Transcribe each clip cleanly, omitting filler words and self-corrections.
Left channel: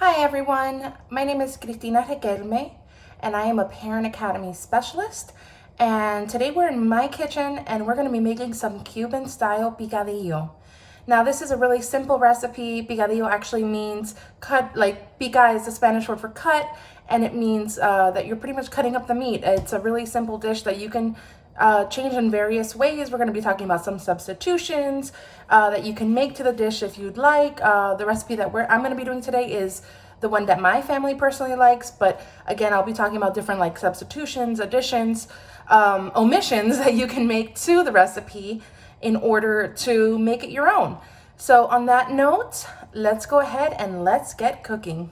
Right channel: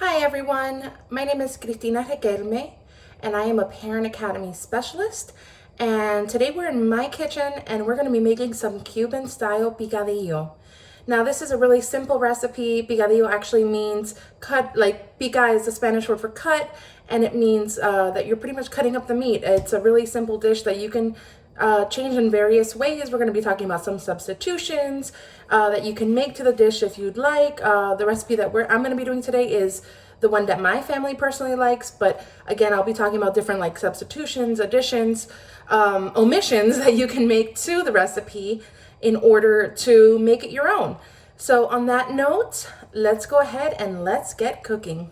Hi everyone, my name is Cristina Requelme and I am a Parent Academy Specialist, and today we're in my kitchen and we're going to be making some Cuban style picadillo. Now this is a really simple recipe. Picadillo actually means cut, like pica is the Spanish word for cut, and it means that you're pretty much cutting up the meat. It's a really simple dish that you can change in various ways. We're going to be talking about some substitutions that you can make to the dish if you'd like. The recipe that I'm going to be doing today is the one that my family personally likes, but again, I'll be talking about different like substitutions, additions, omissions that you can make to the recipe in order to make it your own. So on that note, let's go ahead and let's get cooking.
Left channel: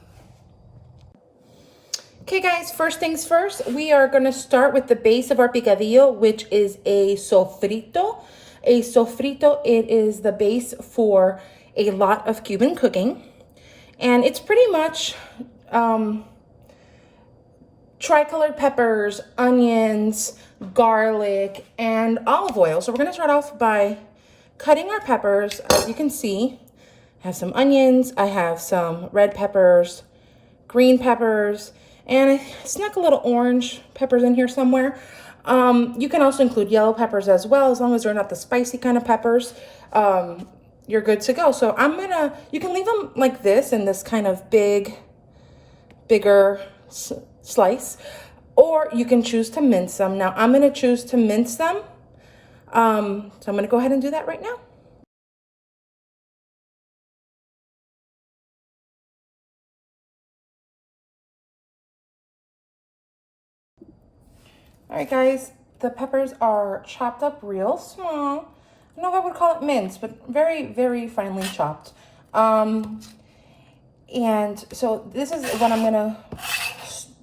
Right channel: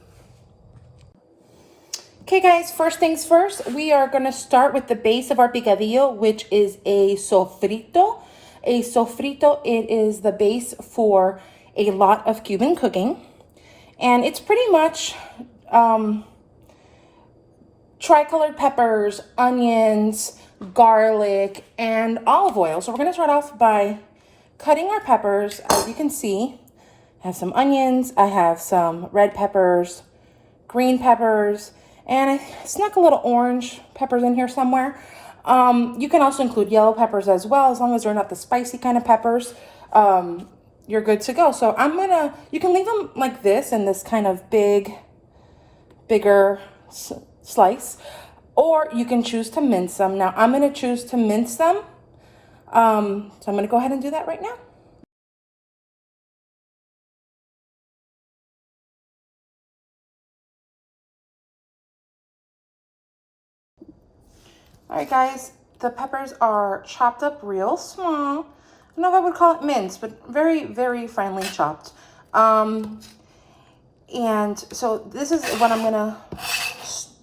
Okay guys, first things first, we are gonna start with the base of our picadillo, which is a sofrito. A sofrito, it is the base for a lot of Cuban cooking. And it's pretty much tricolored peppers, onions, garlic, and olive oil. So we're gonna start off by cutting our peppers. As you can see, I have some onions, I have some red peppers, green peppers, and I snuck a little orange peppers in here somewhere. You can also include yellow peppers as well, as long as they're not the spicy kind of peppers. You're good to go. So you can leave them like this in this kind of bigger slice, or you can choose to mince them. Now I'm gonna choose to mince them. So I'm gonna go ahead and do that right now. All right, guys, the peppers are chopped up real small. I don't know if I would call it minced, but very, very finely chopped. And so this is what I'm gonna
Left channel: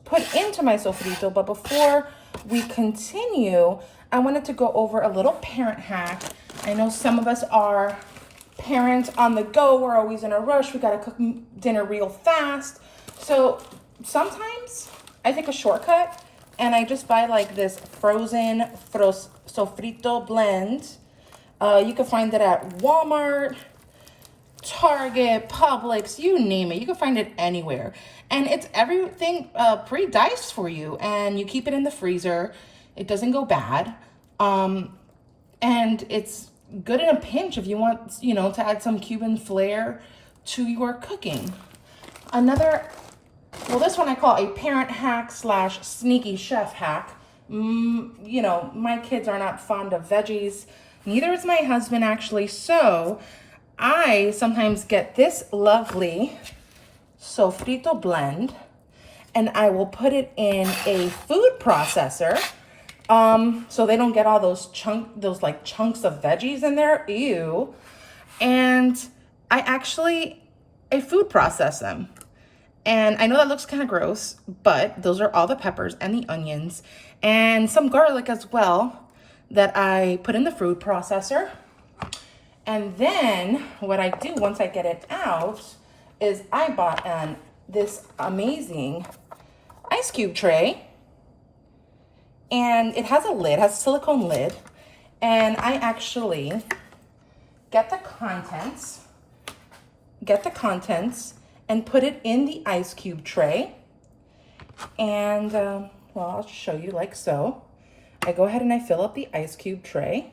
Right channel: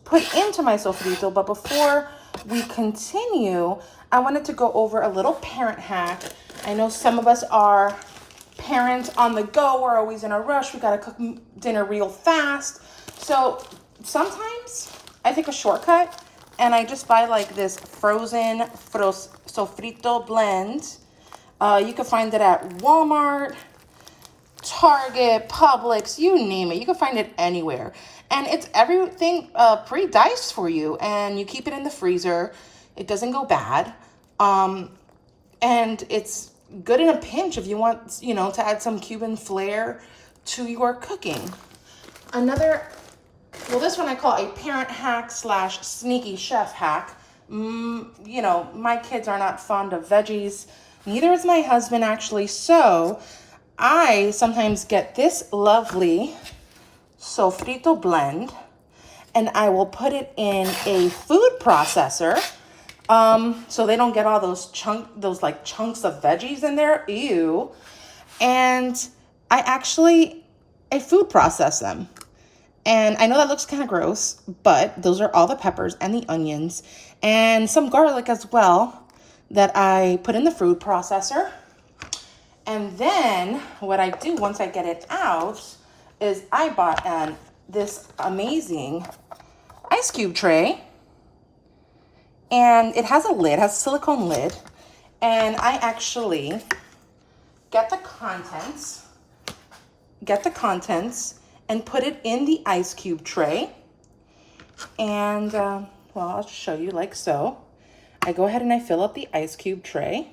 put into my sofrito. But before we continue, I wanted to go over a little parent hack. I know some of us are parents on the go. We're always in a rush. We gotta cook dinner real fast. So sometimes I take a shortcut and I just buy like this frozen sofrito blend. You can find it at Walmart, Target, Publix, you name it. You can find it anywhere. And it's everything pre-diced for you, and you keep it in the freezer. It doesn't go bad. And it's good in a pinch if you want, to add some Cuban flair to your cooking. This one I call a parent hack / sneaky chef hack. My kids are not fond of veggies. Neither is my husband, actually. So I sometimes get this lovely sofrito blend and I will put it in a food processor, so they don't get all those chunks of veggies in there. Ew. And I food process them. And I know that looks kind of gross, but those are all the peppers and the onions and some garlic as well that I put in the food processor. And then what I do once I get it out is I bought this amazing ice cube tray. And it has a lid, has a silicone lid. And I actually get the contents and put it in the ice cube tray. And, I'll just show you like so. I go ahead and I fill up the ice cube tray.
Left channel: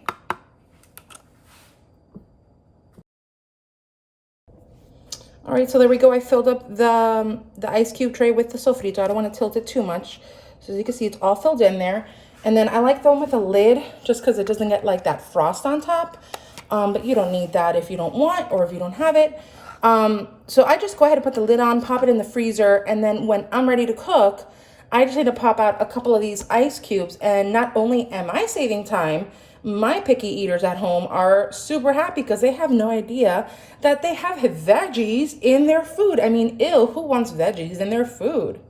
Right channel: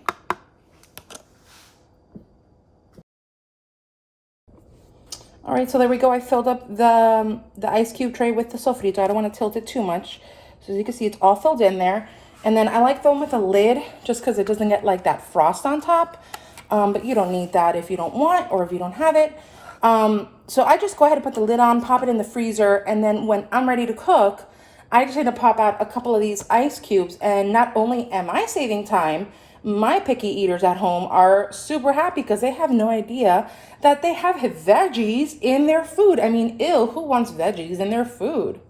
All right, so there we go. I filled up the ice cube tray with the sofrito. I don't want to tilt it too much. So as you can see, it's all filled in there. And then I like the one with a lid just because it doesn't get like that frost on top. But you don't need that if you don't want or if you don't have it. So I just go ahead and put the lid on, pop it in the freezer, and then when I'm ready to cook, I just need to pop out a couple of these ice cubes. And not only am I saving time, my picky eaters at home are super happy because they have no idea that they have veggies in their food. I mean, ew, who wants veggies in their food?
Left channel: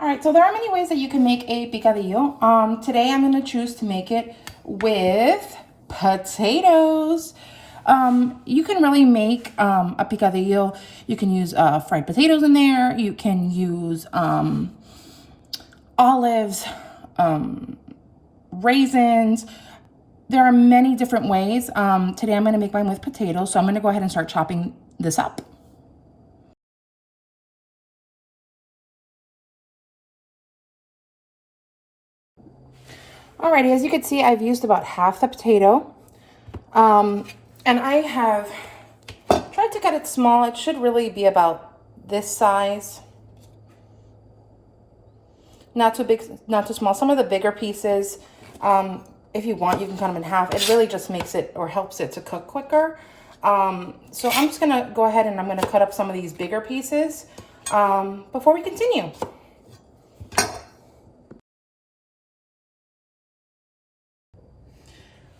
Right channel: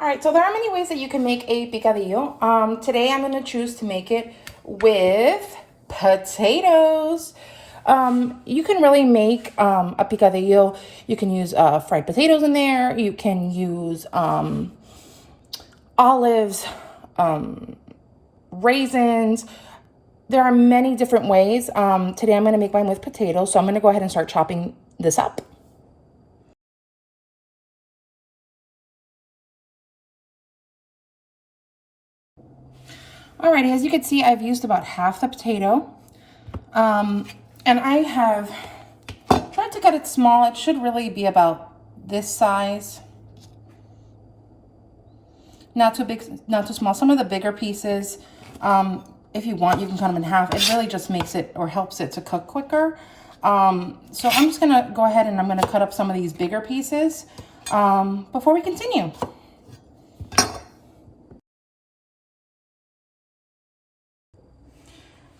All right, so there are many ways that you can make a picadillo. Today I'm gonna choose to make it with potatoes. You can really make a picadillo. You can use fried potatoes in there. You can use olives, raisins. There are many different ways. Today I'm going to make mine with potatoes. So I'm going to go ahead and start chopping this up. Alrighty, as you can see, I've used about half the potato. And I have tried to get it small. It should really be about this size. Not too big, not too small. Some of the bigger pieces, if you want, you can cut them in half. It really just makes it or helps it to cook quicker. So I'm just gonna go ahead and I'm gonna cut up some of these bigger pieces before we continue.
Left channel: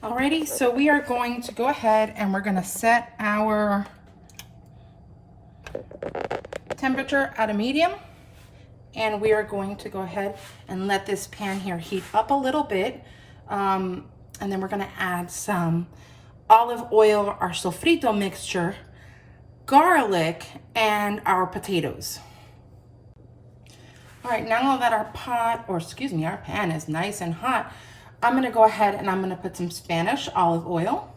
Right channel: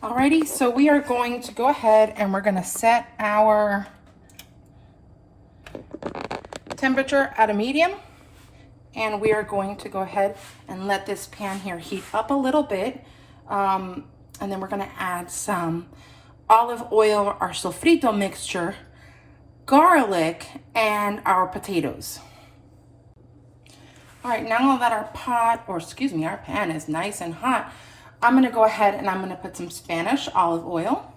Alrighty, so we are going to go ahead and we're gonna set our temperature at a medium. And we are going to go ahead and let this pan here heat up a little bit. And then we're gonna add some olive oil, our sofrito mixture, garlic, and our potatoes. All right, now that our our pan is nice and hot, I'm gonna go ahead and I'm gonna put some Spanish olive oil.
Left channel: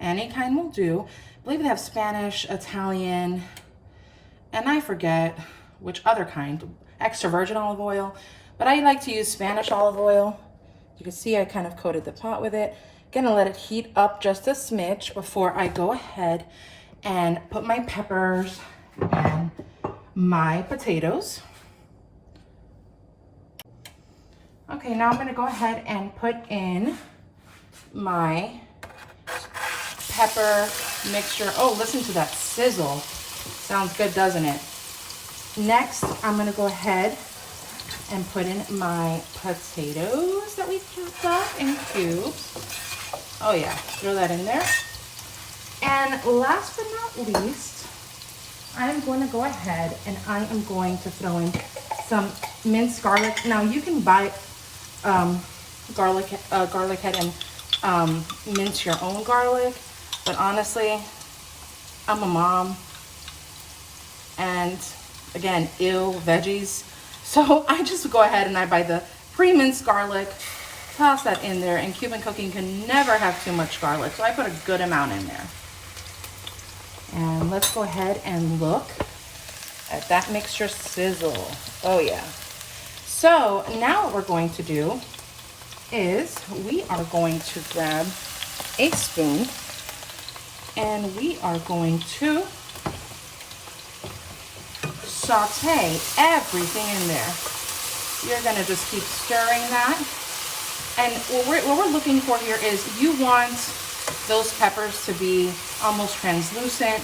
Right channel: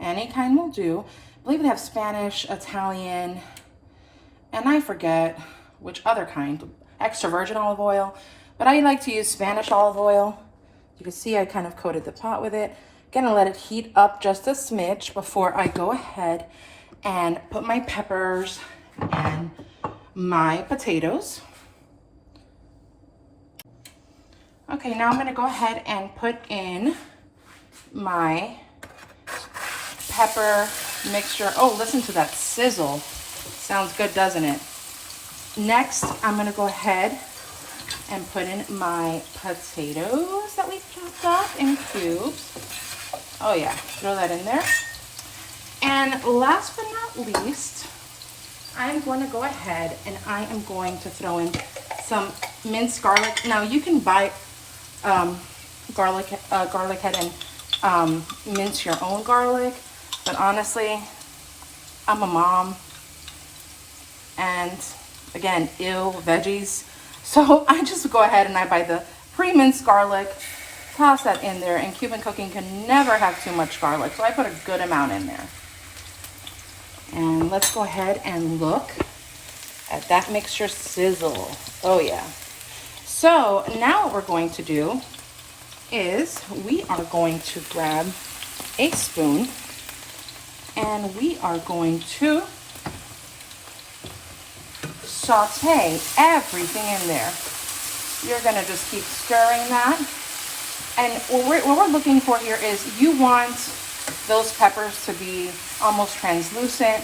Any kind will do. I believe they have Spanish, Italian, and I forget which other kind, extra virgin olive oil, but I like to use Spanish olive oil. You can see I kind of coated the pot with it. Gonna let it heat up just a smidge before I go ahead and put my peppers and my potatoes. Okay, now I'm gonna go ahead and put in my pepper mixture. Oh, listen to that sizzle. Sounds good, doesn't it? Next, I'm gonna go ahead and put in my potatoes that we chopped up in cubes. Oh yeah, throw that in there. And last but not least, I'm going to go ahead and I am going to throw in some minced garlic. Now you can buy garlic head and mince your own garlic, but honestly, I'm a mom, and again, ew, veggies. So I just go ahead and I buy the pre-minced garlic, toss that in there, and Cuban cooking can never have too much garlic, so I put a good amount in there. And let's go ahead and look at that mixture sizzle. Oh yeah. So now what we're going to do is we are going to grab a spoon and we are going to saute everything in there. You're gonna just keep stirring that. And what we're looking for here is you want those peppers to be almost translucent.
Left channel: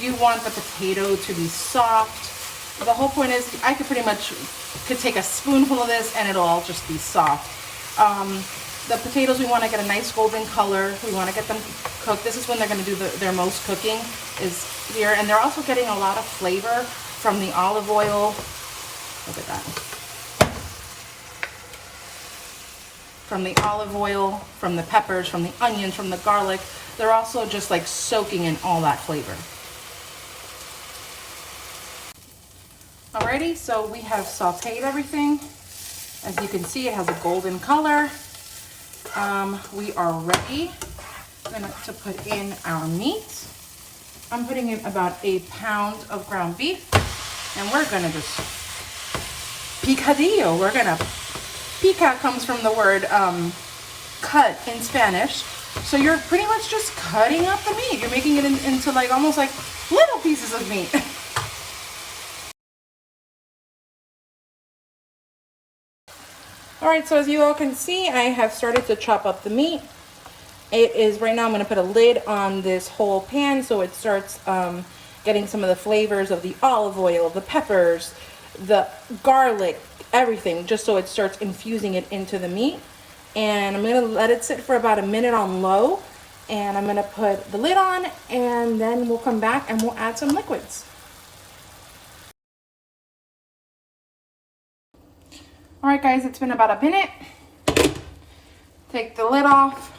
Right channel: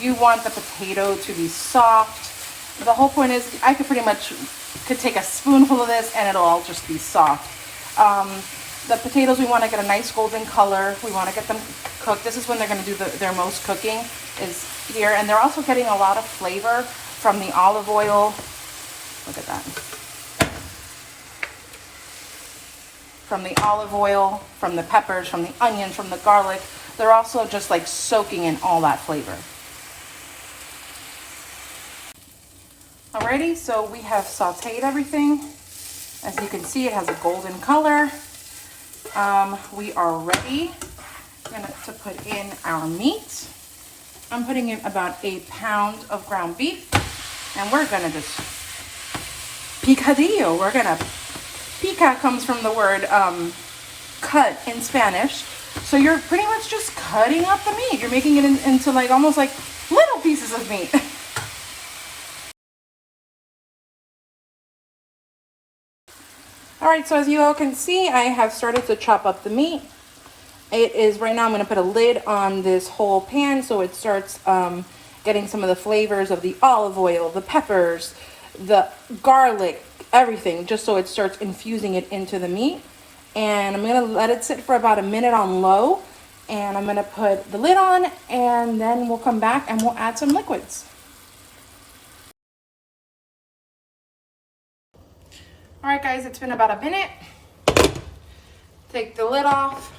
You want the potato to be soft. The whole point is I could take a spoonful of this and it'll all just be soft. The potatoes, we want to get a nice golden color. We want to get them cooked. This is when they're going to do their most cooking is here. And they're also getting a lot of flavor from the olive oil. Look at that. From the olive oil, from the peppers, from the onions, from the garlic. They're also just like soaking in all that flavor. Alrighty, so we have sauteed everything. As you can see, it has a golden color. We are ready to put in our meat. I'm putting in about 1 pound of ground beef. And we're gonna just picadillo. Pica comes from the word cut in Spanish. So you're pretty much just cutting up the meat. You're making it into like almost like little pieces of meat. All right, so as you all can see, I have started to chop up the meat. It is, right now I'm gonna put a lid on this whole pan so it starts getting some of the flavors of the olive oil, the peppers, the garlic, everything, just so it starts infusing it into the meat. And I'm gonna let it sit for about 1 minute on low, and I'm gonna put the lid on, and then we'll come back and we'll add some liquids. All right, guys, it's been about 1 minute. Take the lid off.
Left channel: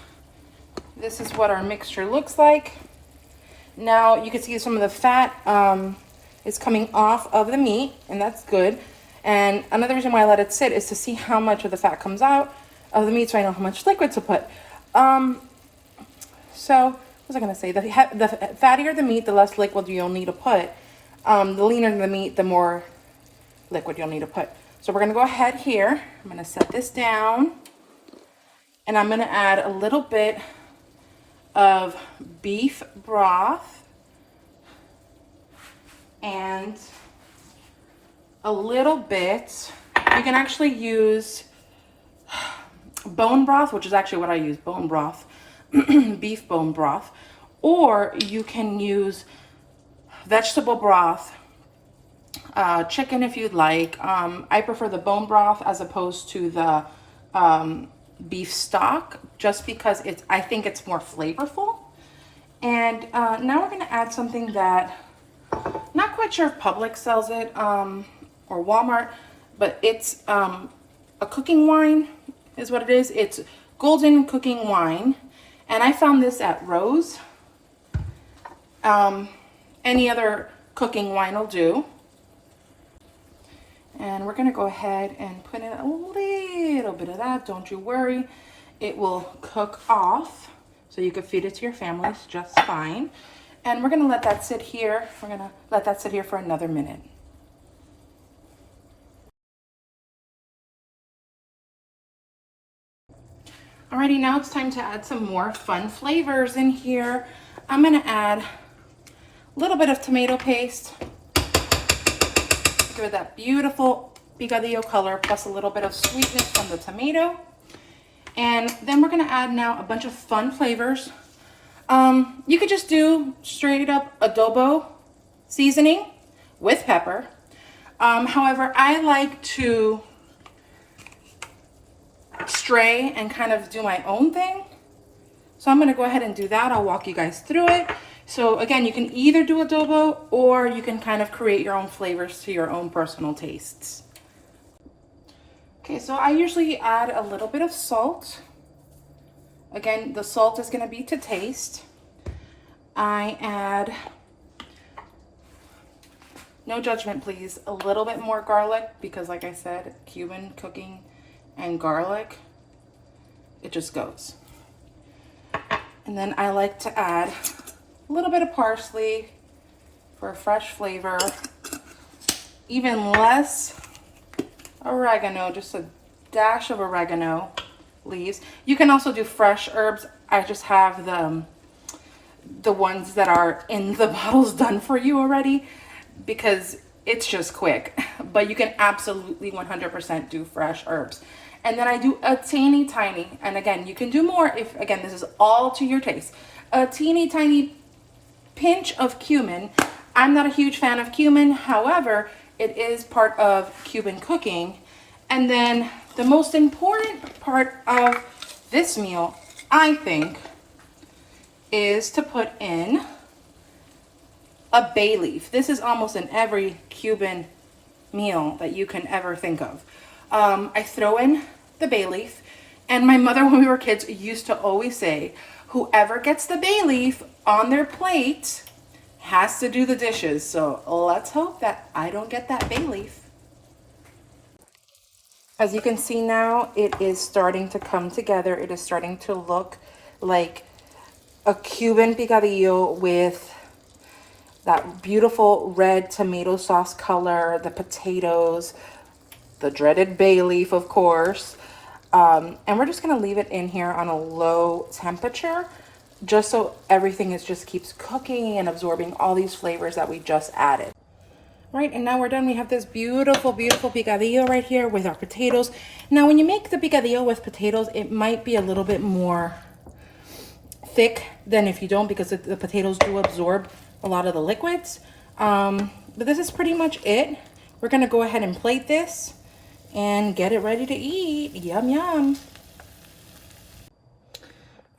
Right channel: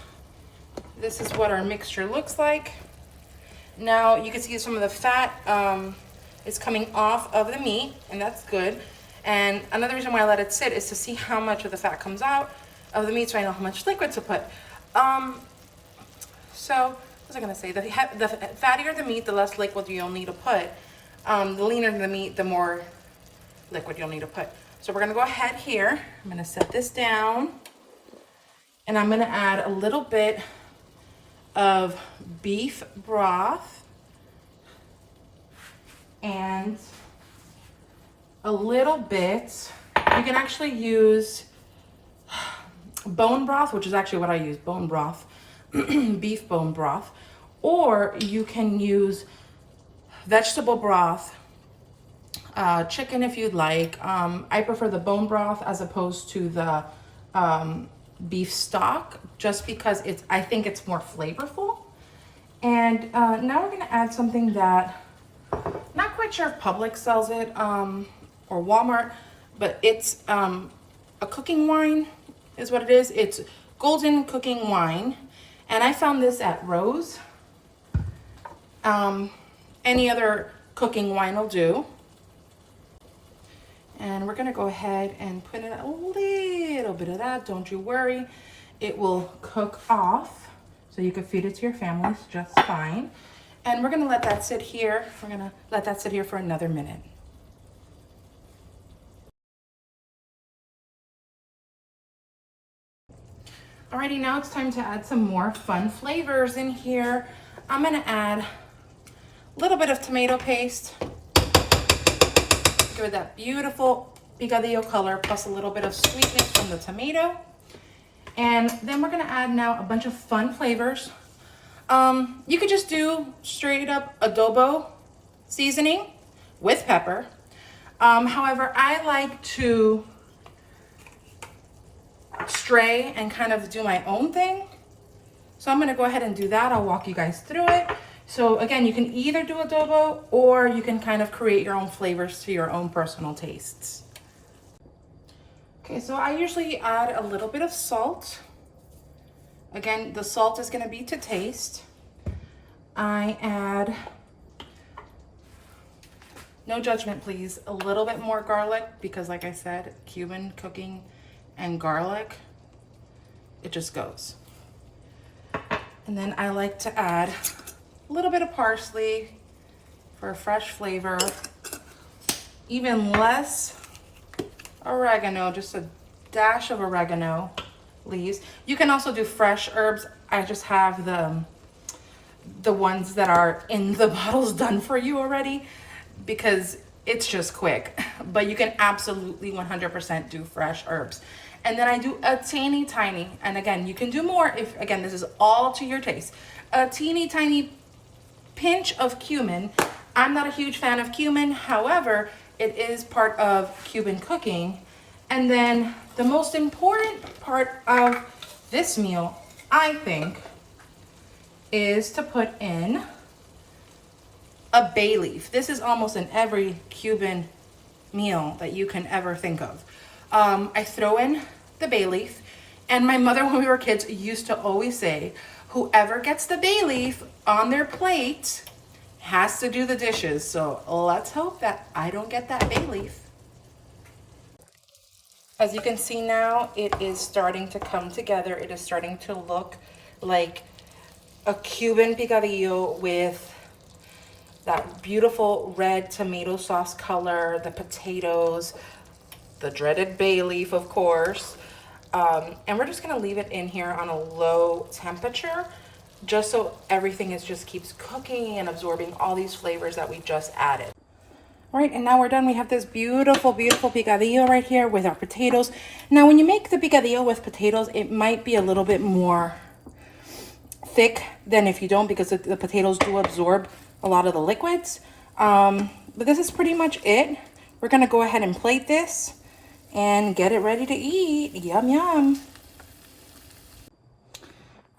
This is what our mixture looks like. Now you can see some of the fat is coming off of the meat, and that's good. And another reason why I let it sit is to see how much of the fat comes out of the meat so I know how much liquid to put. So what was I gonna say? The fattier the meat, the less liquid you'll need to put. The leaner the meat, the more liquid you'll need to put. So we're gonna go ahead here. I'm gonna set this down and I'm gonna add a little bit of beef broth and a little bit, you can actually use bone broth, which is actually what I use, bone broth, beef bone broth, or you can use vegetable broth, chicken if you'd like. I prefer the bone broth as opposed to the beef stock, just because I think it's more flavorful. And now we're gonna add something that, not quite sure if Publix sells it, or Walmart, but it's a cooking wine is what it is. It's golden cooking wine. And I found this at Rose. Any other cooking wine will do. And we're gonna go ahead and put in a little bit of that. Don't you worry, it will cook off, so you can feed it to your families just fine. And we're gonna let that sit here. We're gonna let that sit here for another minute. Alrighty, now it's time to add some more fun flavors in here. I'm gonna add a little bit of tomato paste. Give it that beautiful picadillo color, plus a little bit of sweetness from the tomato. And then we're gonna add now a bunch of fun flavors. You could just do straight up adobo seasoning with pepper. However, I like to stray and kind of do my own thing. So I'm gonna go ahead and do that. I'll walk you guys through it. So again, you can either do adobo or you can kind of create your own flavors to your own personal tastes. Okay, so I usually add a little bit of salt. Again, the salt is gonna be to taste. I add, no judgment please, a little bit more garlic because like I said, Cuban cooking and garlic, it just goes. And then I like to add a little bit of parsley for a fresh flavor, even less oregano, just a dash of oregano leaves. You can also do fresh herbs. I just have the ones that are in the bottles done for you already because it's just quick, but you can absolutely 100% do fresh herbs. And then I do a teeny tiny, and again, you can do more if, again, this is all to your taste, a teeny tiny pinch of cumin. I'm not a huge fan of cumin, however, it is part of Cuban cooking. And then the most important part of this meal, I think, is to put in a bay leaf. This is almost in every Cuban meal that you can ever think of. I throw in the bay leaf, and my mother, when we were kids, used to always say, whoever gets the bay leaf on their plate has to do the dishes. So let's hope that I don't get that bay leaf. As you can see now, it is starting to come together. It is starting to look like a Cuban picadillo with that beautiful red tomato sauce color, the potatoes, the dreaded bay leaf, of course. And we're just gonna leave it in here on a low temperature, just so everything just keeps cooking and absorbing all these flavors that we just added. All right, and now we're done. We have this beautiful, beautiful picadillo right here with our potatoes. Now, when you make the picadillo with potatoes, it might be a little bit more thick than if you don't, because the potatoes do absorb a lot of the liquids. But this is pretty much it. We're gonna go ahead and plate this and get it ready to eat. Yum, yum.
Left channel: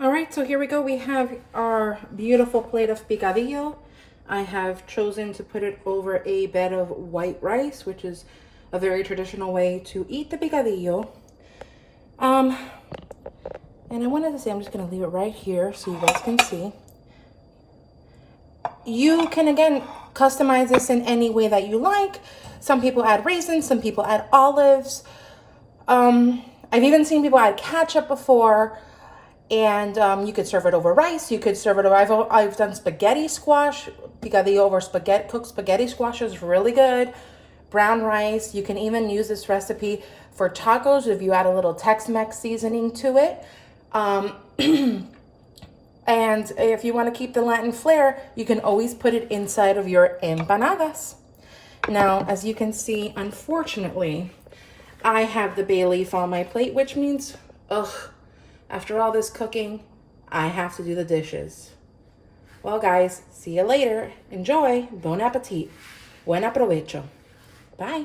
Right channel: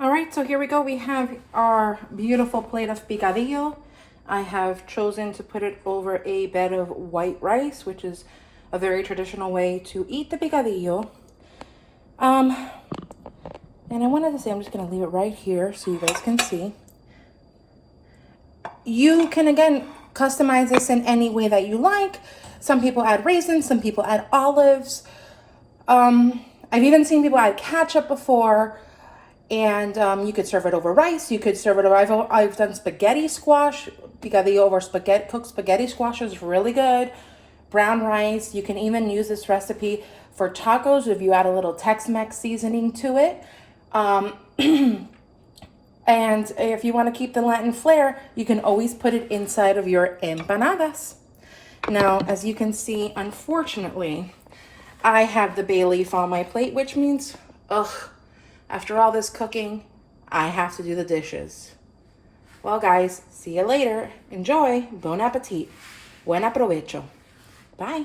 All right, so here we go. We have our beautiful plate of picadillo. I have chosen to put it over a bed of white rice, which is a very traditional way to eat the picadillo. And I wanted to say, I'm just gonna leave it right here so you guys can see. You can, again, customize this in any way that you like. Some people add raisins, some people add olives. I've even seen people add ketchup before. And you could serve it over rice. You could serve it over, I've done spaghetti squash, picadillo over spaghetti, cooked spaghetti squash is really good. brown rice. You can even use this recipe for tacos if you add a little Tex-Mex seasoning to it. And if you want to keep the Latin flair, you can always put it inside of your empanadas. Now, as you can see, unfortunately, I have the bay leaf on my plate, which means, after all this cooking, I have to do the dishes. Well, guys, see you later. Enjoy. Bon appetit. Buen aprovecho. Bye.